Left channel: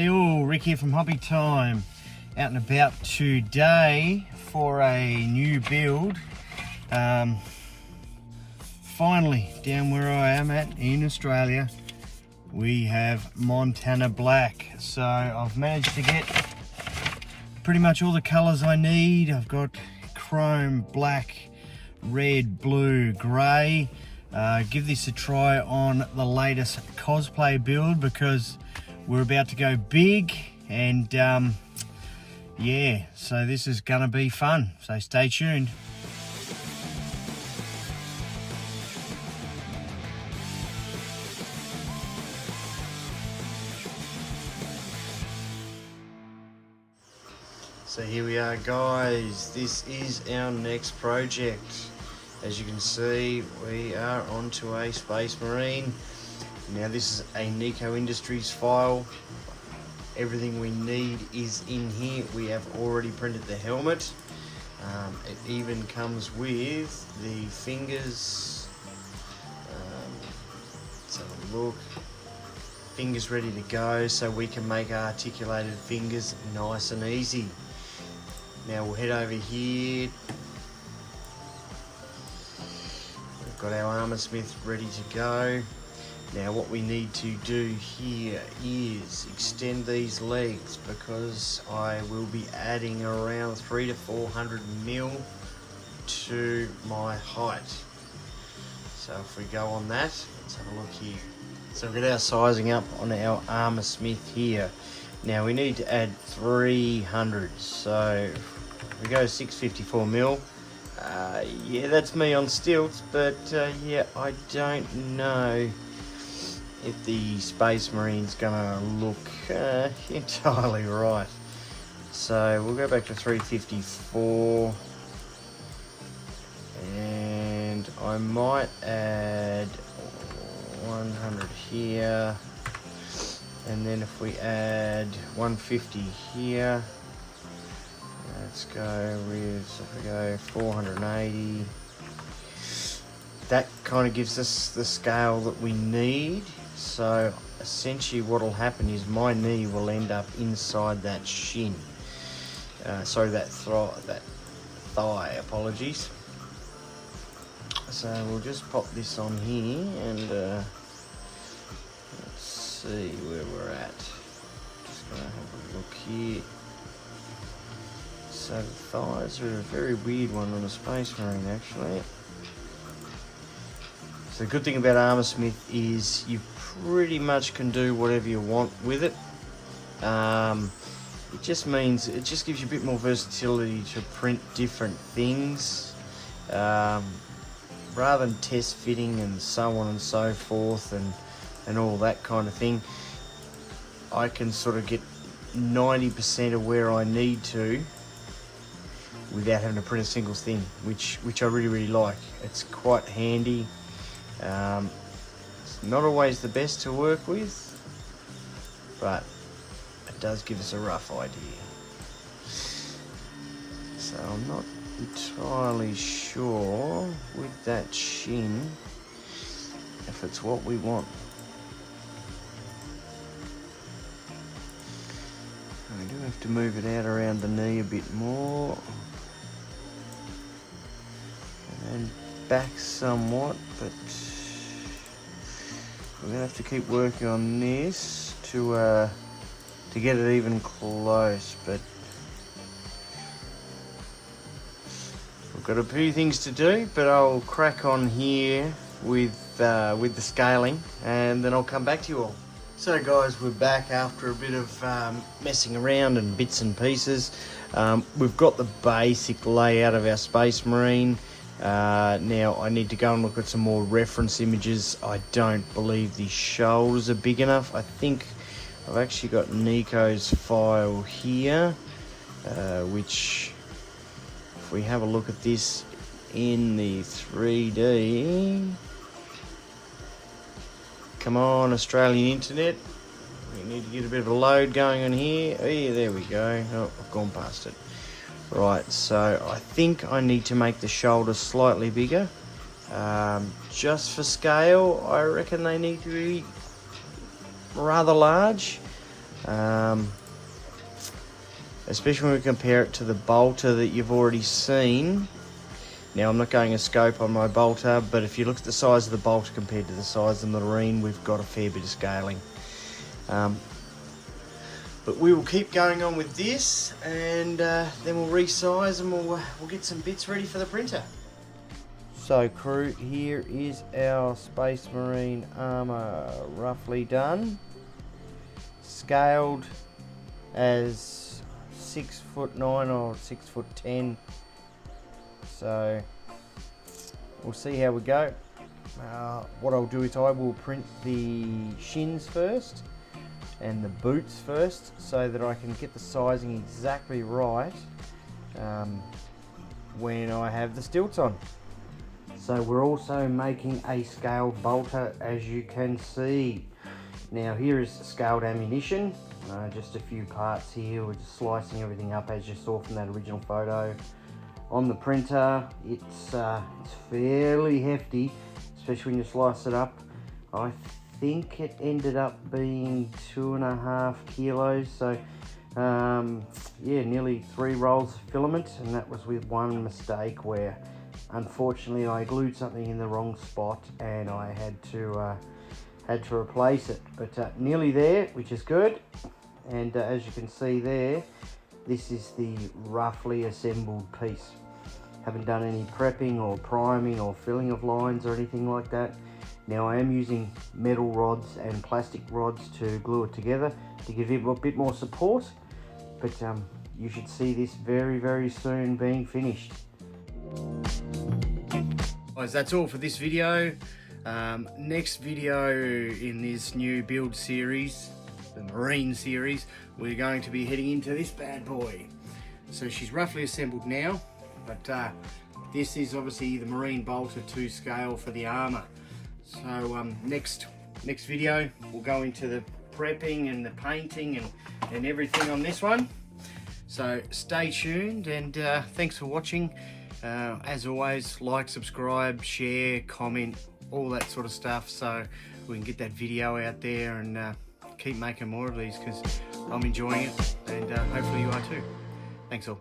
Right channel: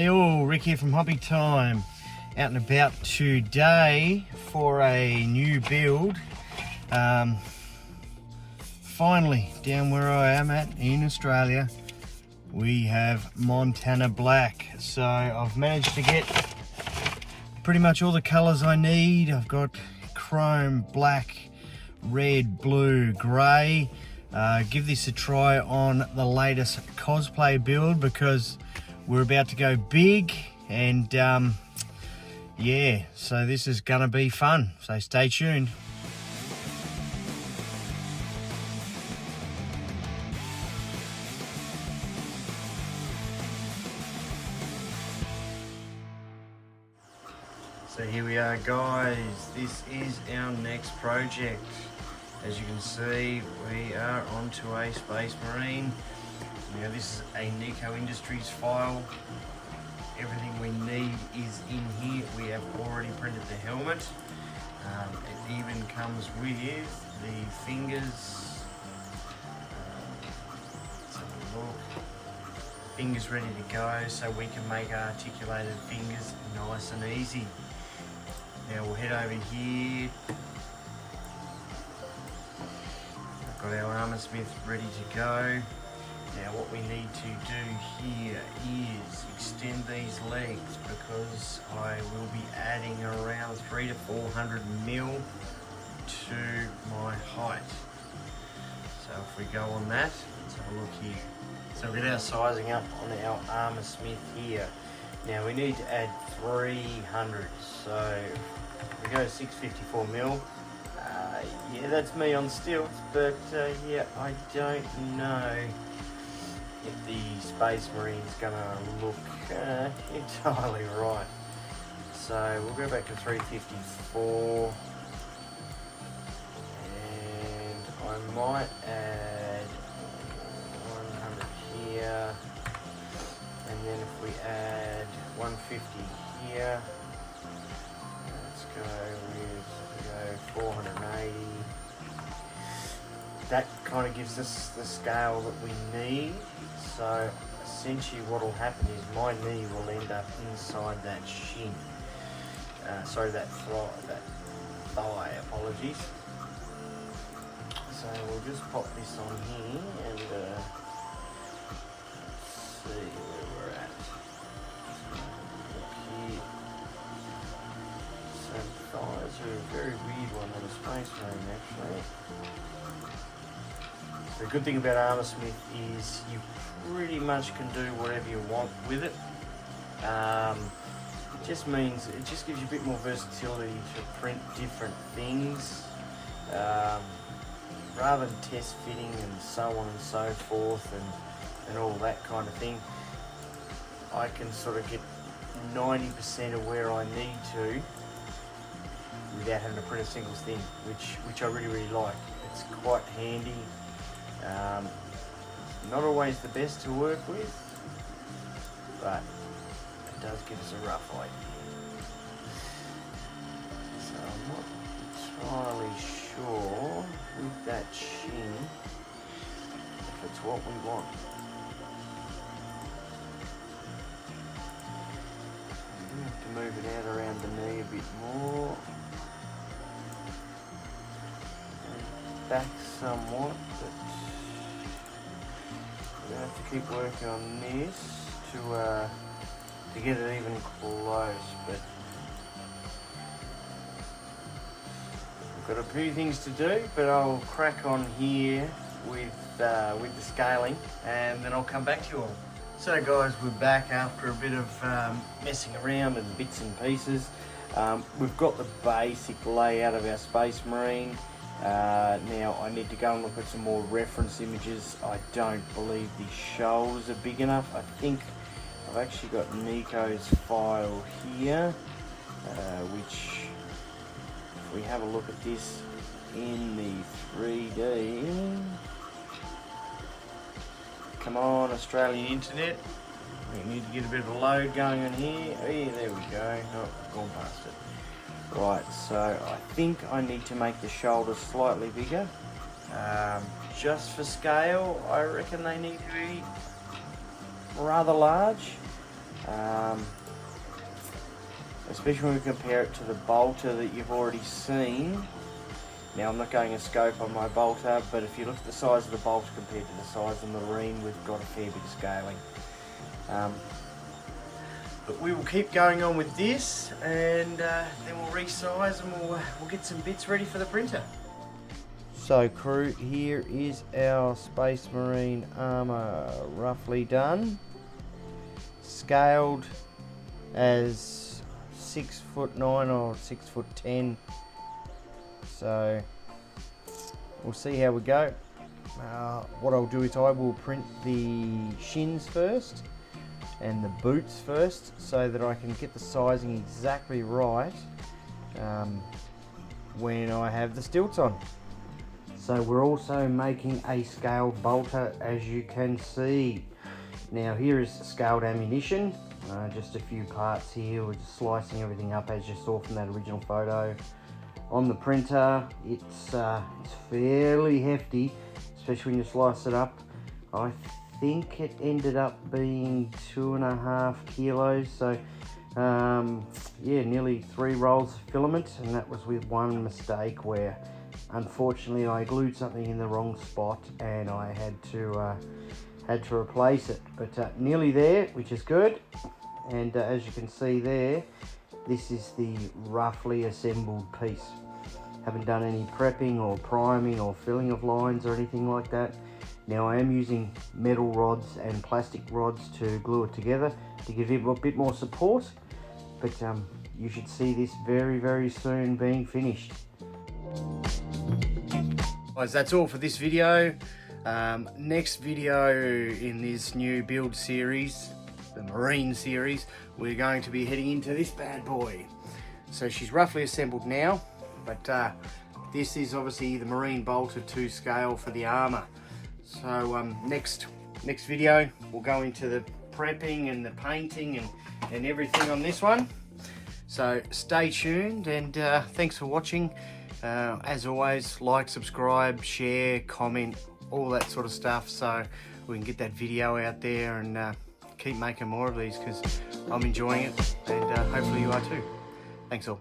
Hey all, Rick here from Hobby Time. Out and about today for a new build. Finally, down where I am at in Australia, we have Montana Black. So I've managed to get pretty much all the colours I need. I've got chrome, black, red, blue, grey. Give this a try on the latest cosplay build because we're about to go big, and yeah, so this is gonna be fun, so stay tuned. So here we are, guys. This is our next project. As you can see, we are onto a Space Marine. Now this is a Nico Industries file. Everything we need is in here. We have already printed the helmet. It even comes with the fingers. Let's have a look. Fingers ready to go, so we can make articulated fingers nice and easy. Now we'll head over here. We've got our armor smith ready to go. Now what we need to do here is extend these legs because I will be adding around 300 to 400 mil to my height. So if we go on that, let's have a look here. So we've got our sizing up on our armor smith here. Now we need to add 300, so we go 654 mil. Yeah, that's me on stilts, but yeah, I don't know if the Space Marine's gonna look entirely right. So we'll go back to 354, and I might add 100 here, and then if we add 150 here, let's go 480. That kind of gives us the scale that we need. So essentially what will happen is my knee will end up inside that shin. Sorry, that thigh, apologies. So we'll just pop this on here and let's see where we're at. Just gonna have a look here. So thighs are a very weird one on a Space Marine actually. The good thing about armor smith is you pretty much can do whatever you want with it. It just means it just gives you a bit more versatility to print different things, rather than test fitting and so on and so forth and all that kind of thing. I can sort of get 90% of where I need to without having to print a single thing, which I really like. It's quite handy. It's not always the best to work with, but it does give us a rough idea. So I'm not entirely sure with that shin if it's what we want. We do have to move it out around the knee a bit more and back somewhat, but we have to keep working on this to get it even close. But we've got a few things to do, but I'll crack on here with the scaling, and then I'll come back to you all. So guys, we're back after a bit of messing around and bits and pieces. We've got the basic layout of our Space Marine. Now I need to go and look at some more reference images. I don't believe the shoulders are big enough. I think I've actually got Nico's file here, which if we have a look at this in the 3D, come on Australian internet, we need to get a bit of a load going on here. Yeah, there we go. Oh, I've gone past it. Right, so I think I need to make the shoulders slightly bigger. Just for scale, I reckon they need to be rather large. especially when we compare it to the bolter that you've already seen. Now I'm not going a scope on my bolter, but if you look at the size of the bolter compared to the size of the Marine, we've got a fair bit of scaling. But we will keep going on with this, and then we'll resize and we'll get some bits ready for the printer. So crew, here is our Space Marine armour roughly done. Scaled as 6'9" or 6'10". So we'll see how we go. What I'll do is I will print the shins first and the boots first, so that I can get the sizing exactly right when I have the stilts on. So we're also making a scaled bolter, as you can see. Now here is scaled ammunition, just a few parts here. We're just slicing everything up as you saw from that original photo. On the printer, it's fairly hefty, especially when you slice it up. I think it ended up being 2.5 kilos, so yeah, nearly 3 rolls of filament, and that was with one mistake where unfortunately I glued something in the wrong spot and I had to replace it, but nearly there, which is good. And as you can see there, this is the roughly assembled piece. Haven't done any prepping or priming or filling of lines or anything like that. Now I am using metal rods and plastic rods to glue it together to give it a bit more support, but you should see this very, very soon being finished. Guys, that's all for this video. Next video in this new build series, the Marine series, we're going to be heading into this bad boy. So she's roughly assembled now, but this is obviously the Marine bolter to scale for the armour. So next video we'll go into the prepping and the painting and everything on this one. So stay tuned, and thanks for watching. As always, like, subscribe, share, comment, all that sort of stuff, so we can get that video out there and keep making more of these, because I'm enjoying it, and hopefully you are too. Thanks all.